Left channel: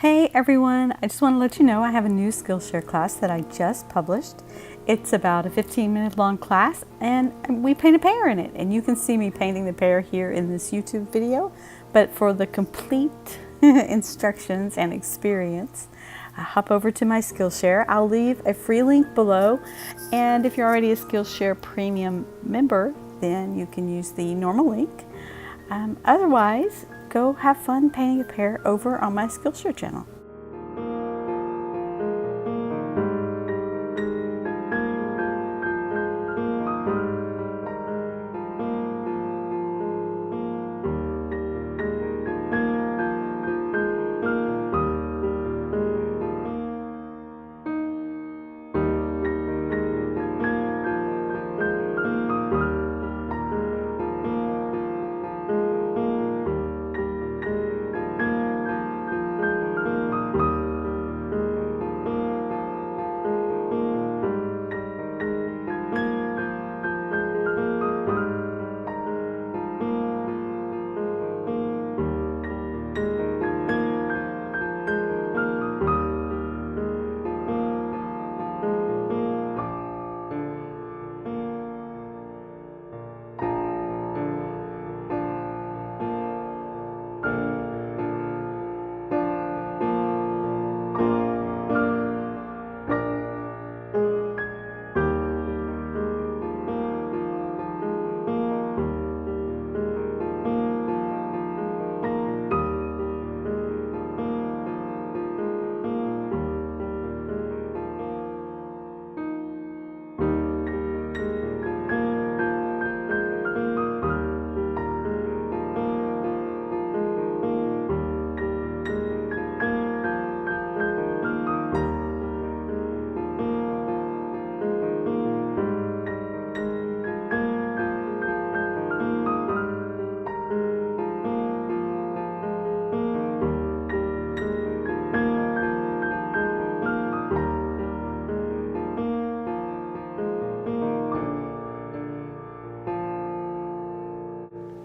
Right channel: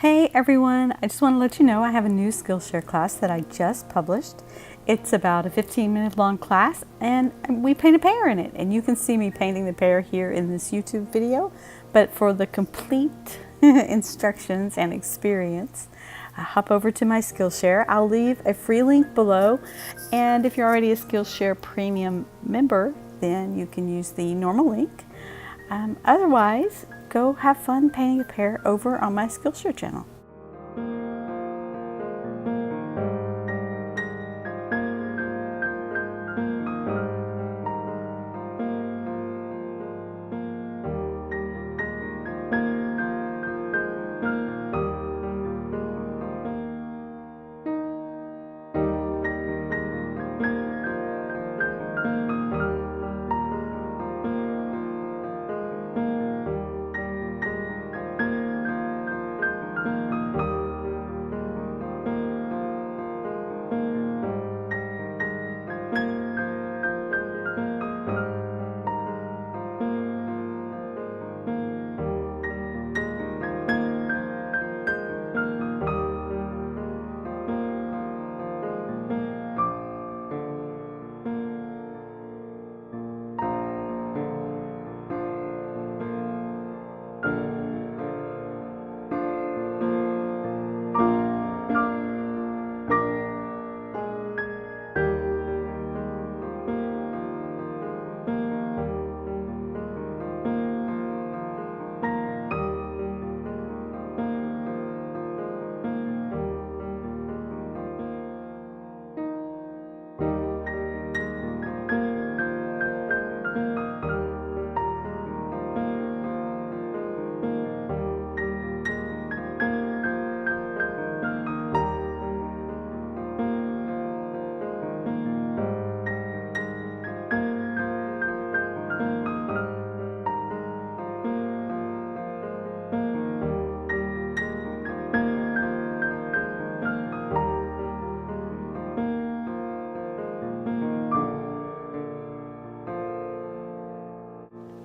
Hey everyone, I just want to let you know I have a new Skillshare class that I just published. It's about a 15-minute long class and we paint a pear in it. And you can see me painting the pear here in this YouTube video. But for the complete instructions and experience, hop over to my Skillshare. I'll leave a free link below. And if you're already a Skillshare Premium member, then you can use the normal link. Otherwise, go have fun painting a pear over on my Skillshare channel.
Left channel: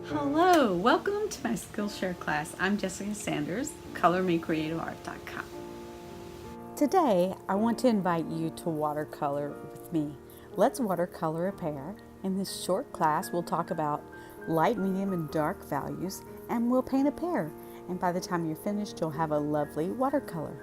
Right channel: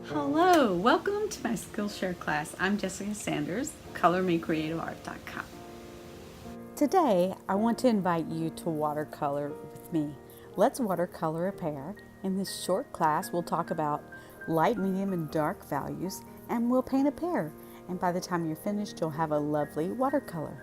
Hello, welcome to my Skillshare class. I'm Jessica Sanders, ColorMeCreativeArt.com. Today, I want to invite you to watercolor with me. Let's watercolor a pear. In this short class, we'll talk about light, medium, and dark values, and we'll paint a pear. And by the time you're finished, you'll have a lovely watercolor.